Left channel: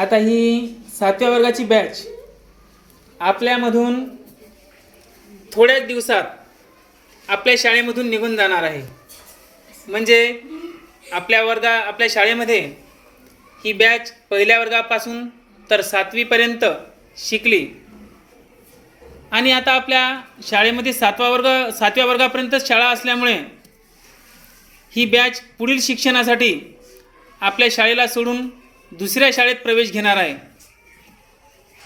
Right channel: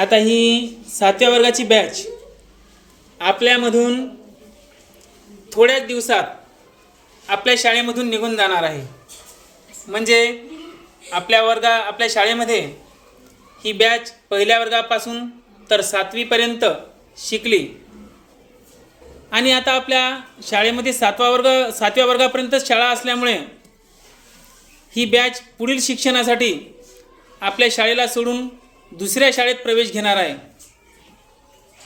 आता ही सातव्या वर्गाची बॅच आपल्यामधून थोड्याच दिवसात आपल्या शाळेमधून निघून जाणार आहे. म्हणजे आपल्या वर्गा आपल्या शाळेमध्ये ही बॅच पहिल्या वर्गापासून तर सातवीपर्यंत शिकली. आणि आता आपल्या शाळेमध्ये सातवा वर्ग सातव्या वर्गापर्यंतच शाळा असल्यामुळे ही बॅच पुढील शिक्षणासाठी आपल्या शाळेला सोडून दुसऱ्या शाळेत प्रवेश घेणार आहे.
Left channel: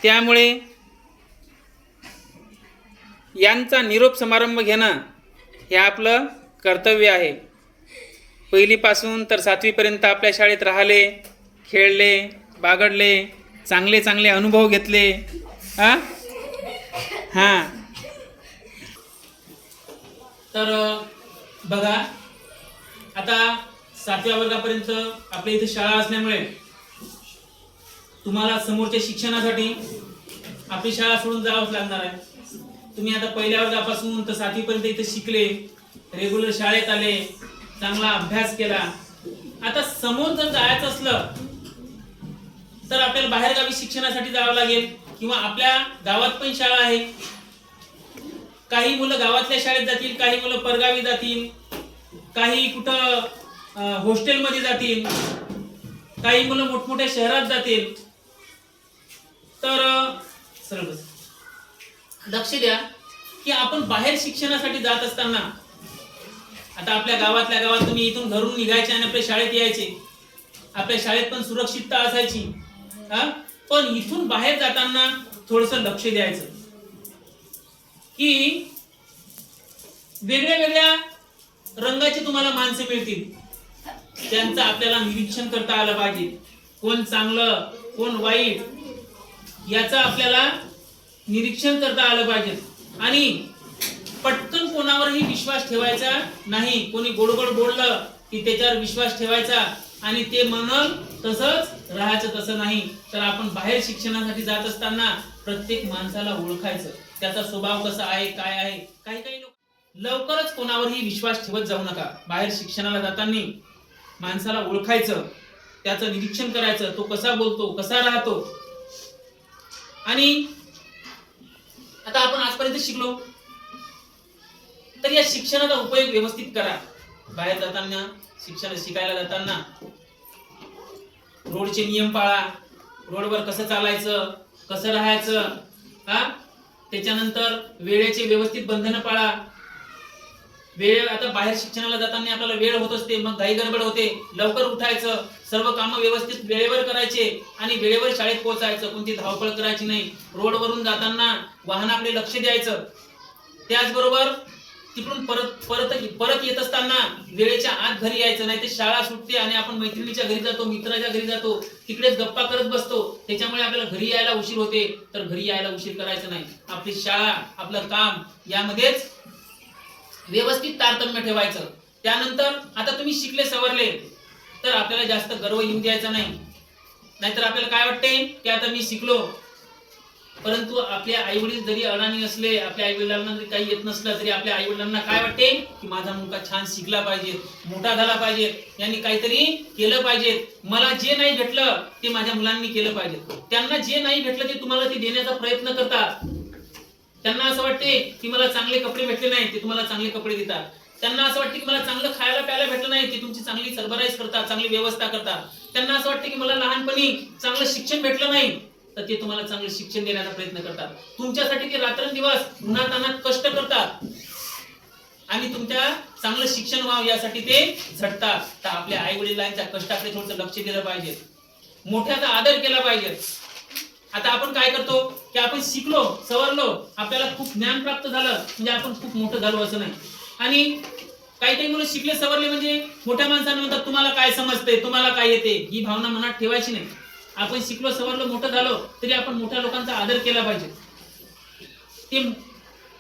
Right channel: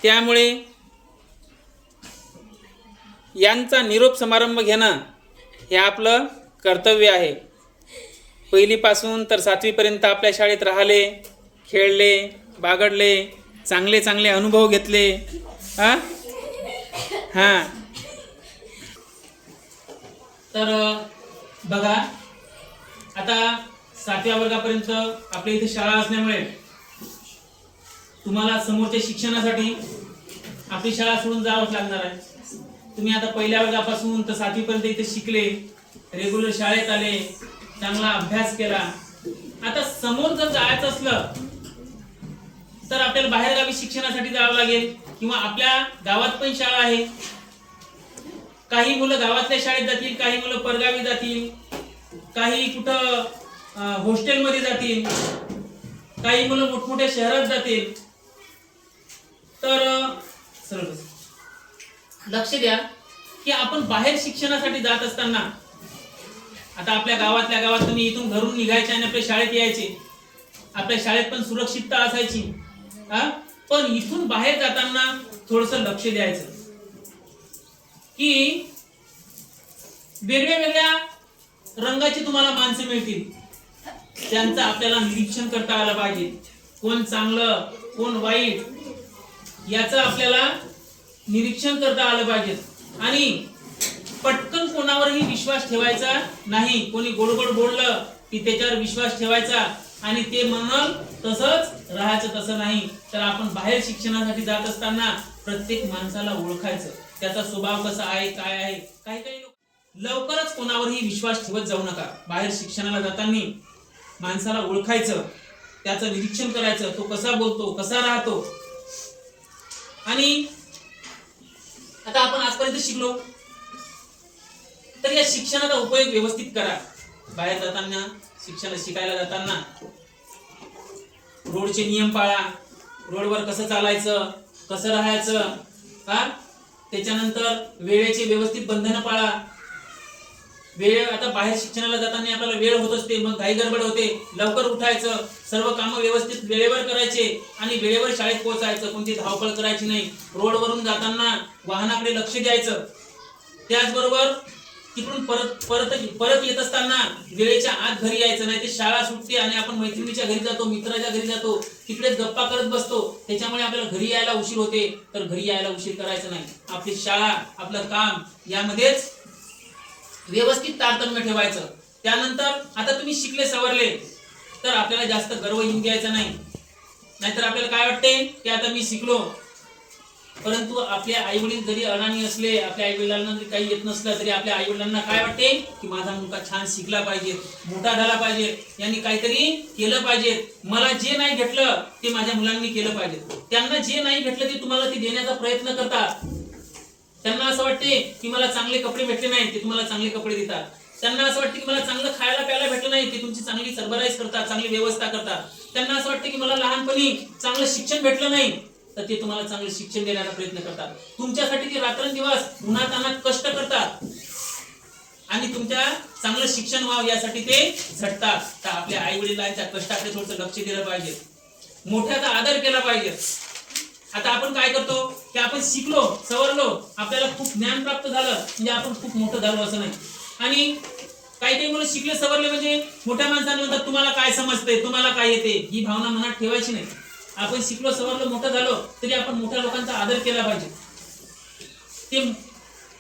त्यामुळे यांचा निरोप समारंभ घेणं हे आपलं कर्तव्य आहे. पहिलीपासून तर सातवीपर्यंत आपल्या शाळेत राहिले खेळले बागडले चांगले चांगले अनुभव घेतले. हां? हां. तर बघा आता सातव्या वर्गापर्यंत आपल्या इथे शाळा असल्यामुळे तुम्हाला समोरच्या शिक्षणासाठी आपली शाळा सोडून जावंच लागणार आहे. तुम्ही आता पहिल्या वर्गापासून तर सातवीपर्यंत इथे शिकले रेग्युलर शाळेत आले चांगला अभ्यास केला. आता समोर जर जायचं असलं तर आपल्याला बाहेरगावी शिक्षणासाठी जावं लागेल किंवा आपल्या गावात पण शाळा आहे. काही मुलं गावातल्या शाळेत जातील काही मुलं परगावी जातील काही कुठं हॉस्टेलमध्ये जातील काही मुलं मोठमोठ्या शहरात जातील. तर सरळ लक्ष द्या की आपण बाहेर शिक्षणासाठी जात असताना आता आपल्या गावातल्या गावात तुम्ही इथून घरून निघायचे आणि आपल्या शाळेत यायचे. आपल्या शाळेत पण सुरक्षितता असायची. हा? पण इथून बाहेर जाताना थोडस लक्ष द्यायचं. की वेगळ्या वेगळ्या रंगाची तुम्हाला माणसं मिळतील. त्यांचं आपल्याला निरीक्षण करता आलं पाहिजे. कोण चांगलं कोण वाईट याचं आपल्याला निरीक्षण करता आलं पाहिजे. आणि पटकन कोणावरही विश्वास ठेवायचा नाही. कोणी गोड गोड बोललं की त्याच्यावर विश्वास ठेवायचा आणि ते म्हणल तसंच राहायचं तसं नाही. तर आपण बाहेर शिक्षणासाठी जात असताना प्रत्येक माणसाला ओळखायचं. त्याचा स्वभाव कसा आहे काय आहे काही काही लोक लवकरच कोणावरही विश्वास ठेवत जाऊ नका. बाहेर शिक्षणाला जाताना माणसाला ओळखायचं त्याचं निरीक्षण करायचं. तो कसा बोलतो कसा राहतो आणि आता आपण आजपर्यंत शिकलो. तर या शिक्षणाचा उपयोग व्यवस्थित करा. बाहेर जाताना शिक्षण शिकायला जाताना रोडचे नियम पाळा. रोडवर कसं चालायचं कसं राहायचं हा? त्याच्यानंतर वेळेचे व्यवस्थित बंधनं पाळा. वेळ आता बाहेर शिक्षणाला जाताना आपल्याला वेळ होत असते मग घाई गडबड होते लवकर उठायचं सर्व कामं व्यवस्थित वेळेवर करायचे आणि वेळेवर शाळेत पोहोचायचं कोणती धावपळ करायची नाही. रोडवरून जाताना वाहनाकडे लक्ष द्यायचं. त्याचबरोबर तिकडून परत परत परत येत असताना वेळेच्या आत घरी यायचं नाही ते शाळा सुटते आणि आपण मैत्रिणीच्या घरी जातो मित्राच्या घरी जातो तिकडेच गप्पा करत बसतो. त्याच्यामुळे आपल्याला घरी यायला उशीर होते तर घरी यायला उशीर करायचं नाही. आपली शाळा आपलं काम यामध्येच व्यवस्थित तारतम्य ठेवायचं. त्यानंतर आता तुम्ही शिकले सवरले तर आपल्याला जास्त गर्व येऊ द्यायचा नाही. नाहीतर आपल्याला काय वाटते? की आता मी शिकलो. परंतु आपल्या आई वडील जरी अडाणी असले आपल्या आई वडिलांना जरी काही येत नसलं तरी आपल्या आई वडिलांना काय वाटते? की माझा मुलगा छान शिकला पाहिजे मोठा झाला पाहिजे यांनी काहीतरी केलं पाहिजे. मला जे नाही भेटलं ते माझ्या मुलांनी केलं पाहिजे. त्यांना जे नाही भेटलं ते तुम्हाला ते देण्याचा प्रयत्न करतात. त्यांना असं वाटते की मला चांगले कपडे भेटले नाही ते तुम्हाला चांगले कपडे देतात. त्यांना असं वाटते की मला चांगलं खायला प्यायला भेटलं नाही ते तुमची चांगली सरबराईज करतात चांगली व्यवस्था करतात. त्यांना असं वाटते की मला लहानपणी चांगलं शिक्षण भेटलं नाही तर ते तुम्हाला चांगलं शिक्षण देण्याचा प्रयत्न करतात. तुमच्यासाठी ते रात्रंदिवस उन्हात अनात कष्ट करतात. आणि तुमच्या चांगलं शिक्षण व्हावं यासाठी ते झटतात. तर आपल्या आई वडिलांच्या कष्टाकडे थोडंसं लक्ष दिलं पाहिजे. मोठ्याचा आदर केला पाहिजे. आता आपण काय करतो की आपण शिकलो सवरलो आपल्याला खूप ज्ञान प्राप्त झालं म्हणजे आपण खूप मोठं झालो असं नाही. आणि काही काही मुलं शिकले सवरले म्हणजे मोठ्या माणसांना म्हणतात तुम्हाला काय समजते तुम्हाला काय येते? ही भावना मनात ठेवायची नाही. आपण शिकलो सवरलो मोठं झालो तरी आपण मोठ्या लोकांचा आदर केला पाहिजे. ते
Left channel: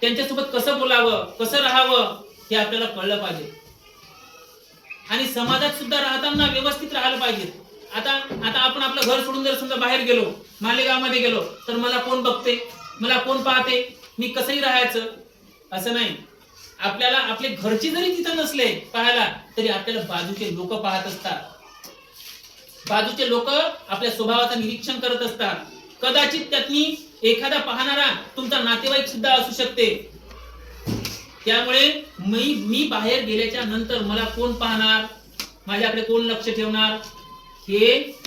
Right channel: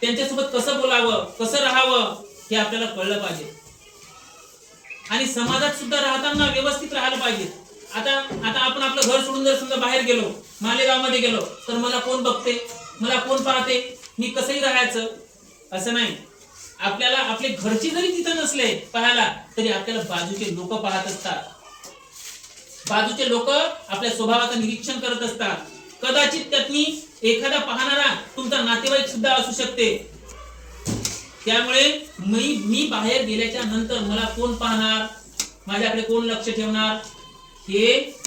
त्यांच्यासोबत कसं बोलावं कसं राहावं हे आपल्याला कळलं पाहिजे. आणि समाजात सुद्धा राहताना व्यवस्थित राहिलं पाहिजे. आता आता आपण आपलं घर सोडून जर समजा बाहेर गेलो मालेगावमध्ये गेलो तर मला कोण बघते? मला कोण पाहते? मी कसंही राहायचं असं नाही. आपल्याला आपले घरचे जरी तिथं नसले पाहायला तरी आपल्याला बाजूचे लोक पाहत असतात. बाजूचे लोक आपल्या स्वभावाचं निरीक्षण करत असतात. कदाचित त्यातनी एखादा पाहणारा तुमचा नातेवाईक सुद्धा असू शकते. त्यामुळे मी मी बाहेर गेल्याच्यानंतर मला कोण पाहणार? माझ्याकडे कोण लक्ष ठेवणार? हे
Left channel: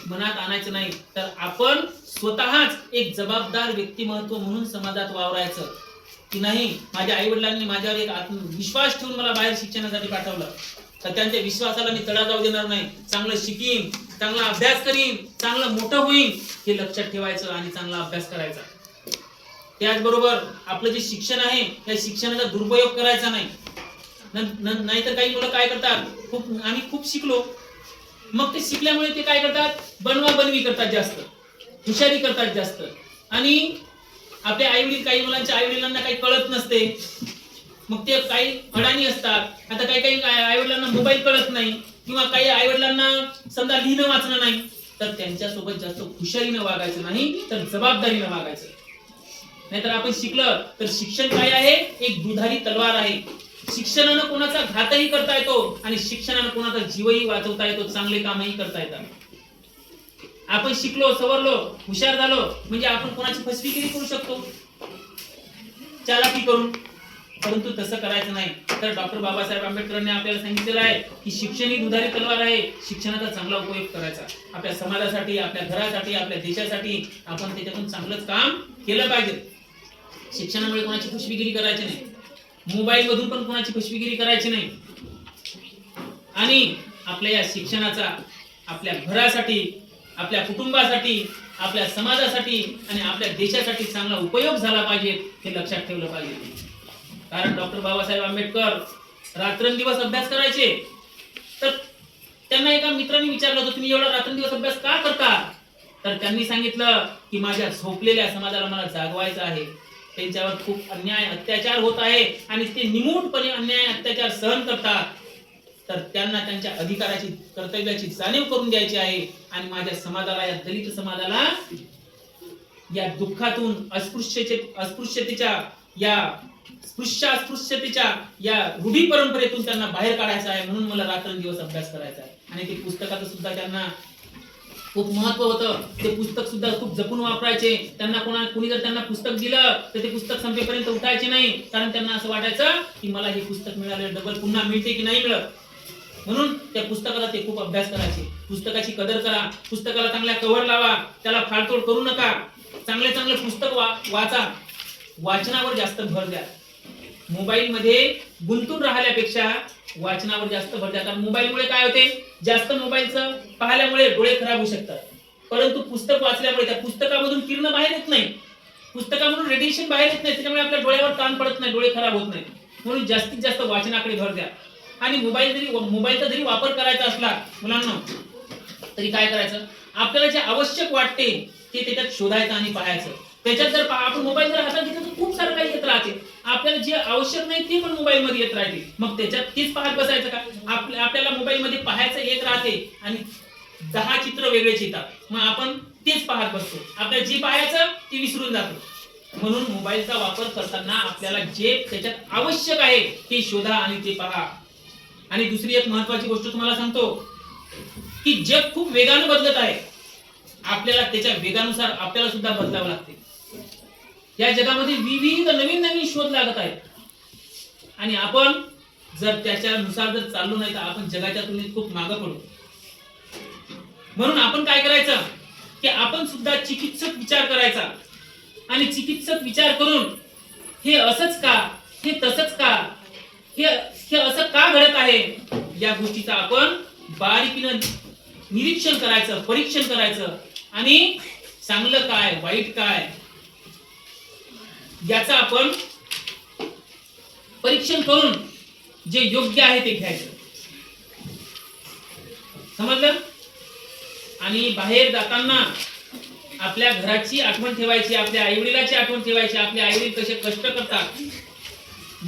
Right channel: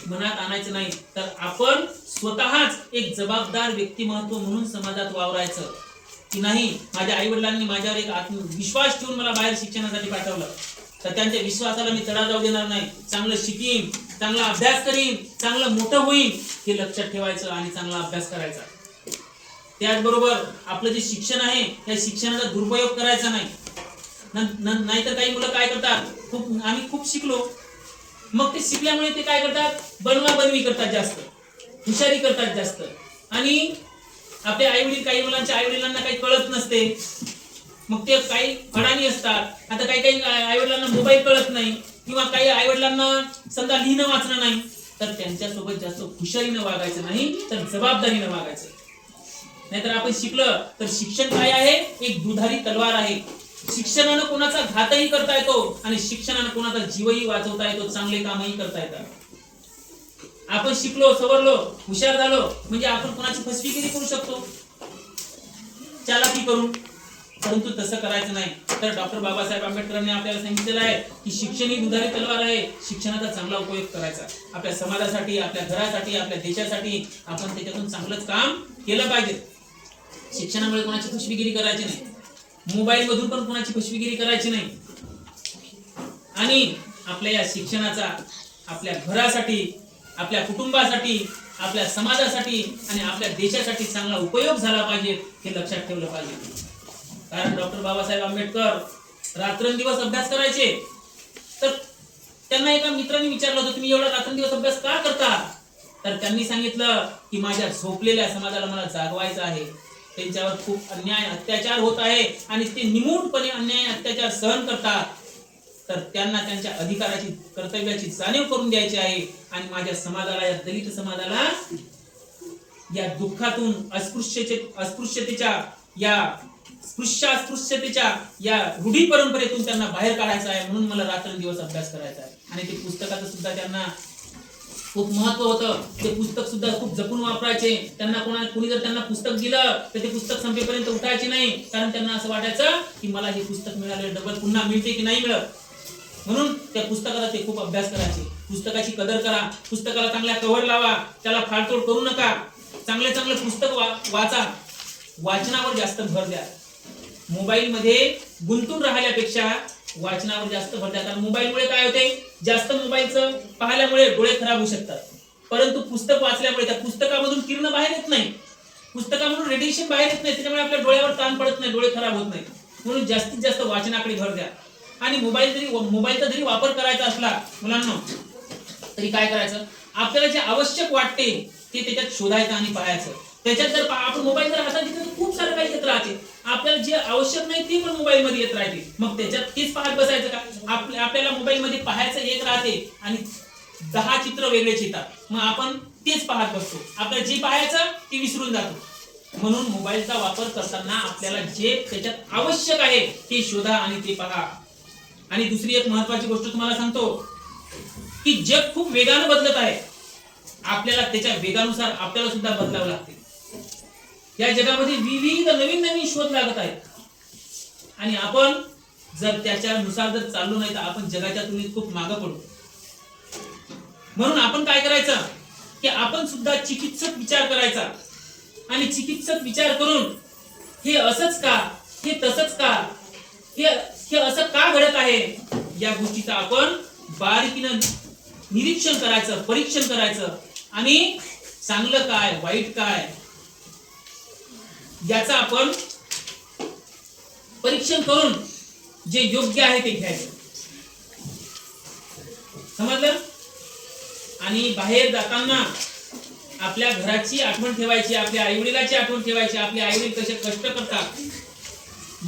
मनात आणायचं नाही. तर आपण स्वतःच एक जबाबदार व्यक्तिमत्व म्हणून समाजात वावरायचं. की नाही माझ्या आई वडिलांनी माझ्यावर एक आत्मविश्वास ठेवून मला बाहेर शिक्षणासाठी पाठवलं. तर त्यांच्या विश्वासाला मी तडा जाऊ देणार नाही. चांगलं शिकीन चांगला अभ्यास करीन चांगलं मोठं होईन हे लक्षात ठेवायचं आणि चांगला अभ्यास करायचा. त्याचबरोबर आपलं जे शिक्षण आहे त्या शिक्षणाचा दुरुपयोग करायचा नाही. नाहीतर काही मुलं काय करतात? खूप आम्ही खूप शिकलो. मग ते शिकल्यामुळे ते काय करतात? बनवा बनवी करतात जास्त. हुशारी करतात जास्त. आणि आपले आई वडील काही मुलांच्या आई वडिलांना काही कळत नसते. मग ते काही अडाणी असतात. आता काही काही आई वडिलांना मोबाईल कळत नाही. किंवा काही आई वडिलांना समजा लिहिणं वाचणं नाही. तर त्यांच्यासोबत जास्त हुशारीनं वागायचं नाही तर जबाबदारीनं वागायचं. नाहीतर आपण शिकलं तर शिक्षण काय आहे? एक दुधारी तलवार आहे. शिक्षणानं कोणाचा घातही करता येतो आणि शिक्षणानं कोणाचा जीवही वाचवता येतो चांगले कामही करता येतात. आपण शिकलो सवरलो हुशार झालो म्हणजे आपण कोणाची फसवीगिरी करू शकतो? चालाकी करून परंतु तसं करायचं नाही. तर डॉक्टर बाबासाहेब आंबेडकरांनी आपल्याला सांगितलेलं आहे की शिक्षण ही दुधारी तलवार आहे. शिक्षणाचा चांगला उपयोग करायचा. आपल्या समाजासाठी आपल्या घरासाठी आपल्या देशासाठी आपण त्याच्यातून चांगलंच काम केलं पाहिजे. शिक्षणामुळे कोणाची फसवीगिरी करायची नाही. मोबाईल मधून पण कोणाची फसवीगिरी करायची नाही. आणि आपल्या या शिक्षणाचा आपल्या घरासाठी आपल्या कुटुंबासाठी आपल्या समाजासाठी आणि आपल्या देशासाठी चांगला उपयोग झाला पाहिजे हे लक्षात ठेवलं पाहिजे. कारण डॉक्टर बाबासाहेब आंबेडकर रात्रंदिवस अभ्यास करायचे. तर त्यांना एका मित्राने विचारलं होतं तुम्ही एवढा रात्रंदिवस अभ्यास का करता? तर त्यांनी सांगितलं की माझ्या झोपलेल्या समाजाला मला जागवायचं आहे. त्यांच्यावर खूप अन्याय अत्याचार होत आहे आणि ते निमूटपणे अन्याय अत्याचार सहन करतात तर त्यांना त्यांच्या अधिकाराची कर्तव्याची जाणीव करून द्यायची आहे आणि माझ्या समाजाला या दलित समाजाला या दुःखातून अस्पृश्यचे अस्पृश्यतेच्या या स्पृश्य अस्पृश्यतेच्या या रूढी परंपरेतून त्यांना बाहेर काढायचं आहे म्हणून मला रात्रंदिवस अभ्यास करायचा आहे. आणि ते पुस्तकाचं सुद्धा त्यांना खूप महत्त्व होतं. ते पुस्तक सुद्धा खूप जपून वापरायचे. त्यांना कोणा कुणी जर त्यांना पुस्तक दिलं तर ते पुस्तक संपेपर्यंत उठायचे नाही. कारण त्यांना असं वाटायचं की मला हे पुस्तक मिळालं डबल पुन्हा मिळते की नाही मिळत? म्हणून त्या पुस्तकाचा ते खूप अभ्यास करायचे. पुस्तकाची कदर करा. पुस्तकाला चांगल्या कव्हर लावा. त्याला फाडतोड करू नका. चांगले चांगले पुस्तक वा वाचा. वाचनावर जास्त भर द्या. मोबाईल मध्ये गुंतून राहिल्यापेक्षा वाचनावर जास्त भर द्या कारण मोबाईलमुळे काय होते? जास्त मोबाईलचं पाहिल्यामुळे डोळे खराब होऊ शकतात. परंतु पुस्तक वाचल्यामुळे त्या पुस्तकामधून किरण बाहेर येत नाही पुस्तकामधून रेडिएशन बाहेर येत नाही त्याच्यामुळे आपल्या डोळ्यावर ताण पडत नाही डोळे खराब होत नाही म्हणून जास्तीत जास्त वाचनाकडे भर द्या. आणि मोबाईल जरी मोबाईलचा जरी वापर करायचा असला मुलांना तरी काय करायचं? आपल्याला जे आवश्यक वाटते ते त्याच्यात शोधायचं आणि पाहायचं. त्याच्यात जर आपण मोबाईल जर हातात घेतला तर खूप सारं काही येत राहते. आपल्याला जे आवश्यक नाही ते पण मोबाईल मध्ये येत राहते. मग त्याच्यात तेच पाहत बसायचं का? आपल्या आपल्याला मोबाईल मध्ये पाहायचं एक राहते आणि दहा चित्र वेगळेच येतात मग आपण तेच पाहत बसतो. आपल्याला जे पाहायचं ते विसरून जातो. म्हणून मोबाईलचा वापर करताना आपल्याला जे त्याच्यात आवश्यक आहे ते शोधा आणि ते पहा. आणि दुसरी एक महत्वाची गोष्ट तुम्हाला सांगतो की जग खूप वेगानं बदलत आहे. आपल्याला त्याच्या वेगानुसार आपल्याला सुद्धा बदलावं लागते. या जगामध्ये विविध नवीन नवीन शोध लागत आहेत. आणि आपण जर त्याच्यानुसार जर चाललो नाही तर आपण जगाच्या तुलनेत खूप मागं पडू. म्हणून आपण काय करायचं? की आपण सुद्धा चिकित्सक विचार करायचा. आणि चिकित्सक विचार करून हे असंच का? हे तसंच का? हे हे असं का घडत आहे? या गोष्टीचा आपण बारीकीनं निरीक्षण करायचं परीक्षण करायचं. आणि चांगलं काय वाईट काय याचं आपण परीक्षण करून जे योग्य आहे ते घ्यायचं. समजलं? आणि बाहेर जाताना आपल्या घराची आठवण ठेवायची आपल्या आईवडिलाची आठवण ठेवायची आपले आईवडील कसे कष्ट करतात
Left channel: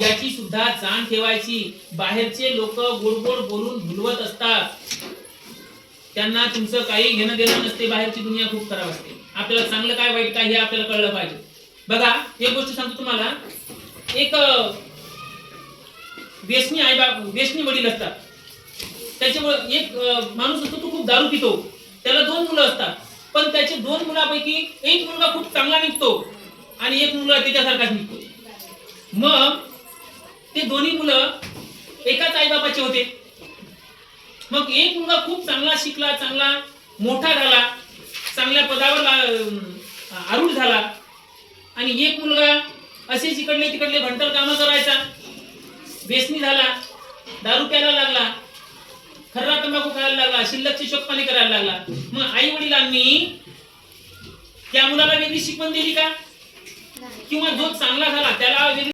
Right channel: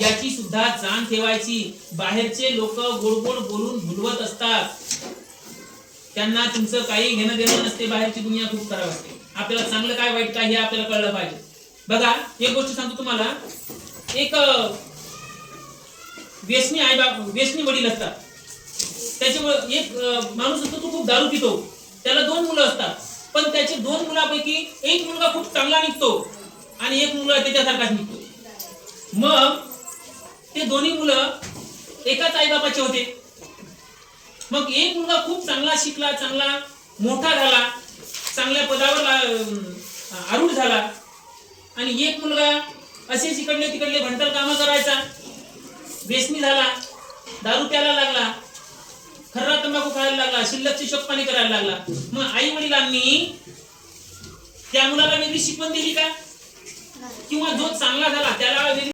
याची सुद्धा जाण ठेवायची. बाहेरचे लोक गोड गोड बोलून भुलवत असतात. त्यांना तुमचं काही घेणं देणं नसते बाहेरची दुनिया खूप खराब असते. आपल्याला चांगलं काय वाईट काय हे आपल्याला कळलं पाहिजे. बघा एक गोष्ट सांगतो तुम्हाला. एक व्यसनी आई बाप व्यसनी वडील असतात. त्याच्यामुळे एक माणूस असतो तो खूप दारू पितो. त्याला दोन मुलं असतात. पण त्याचे दोन मुलापैकी एक मुलगा खूप चांगला निघतो आणि एक मुलगा त्याच्यासारखाच निघतो. मग ते दोन्ही मुलं एकाच आईबापाचे होते. मग एक मुलगा खूप चांगला शिकला चांगला मोठा झाला चांगल्या पदावर आरूढ झाला. आणि एक मुलगा असेच इकडले तिकडले भंटर कामं करायचा. बेसनी झाला दारू प्यायला लागला खर्रा तंबाखू खायला लागला शिल्लकची शोकपाणी करायला लागला. मग आई वडिलांनी त्या मुलाला वेगळी शिकवण दिली का? किंवा जो चांगला झाला त्याला वेगळी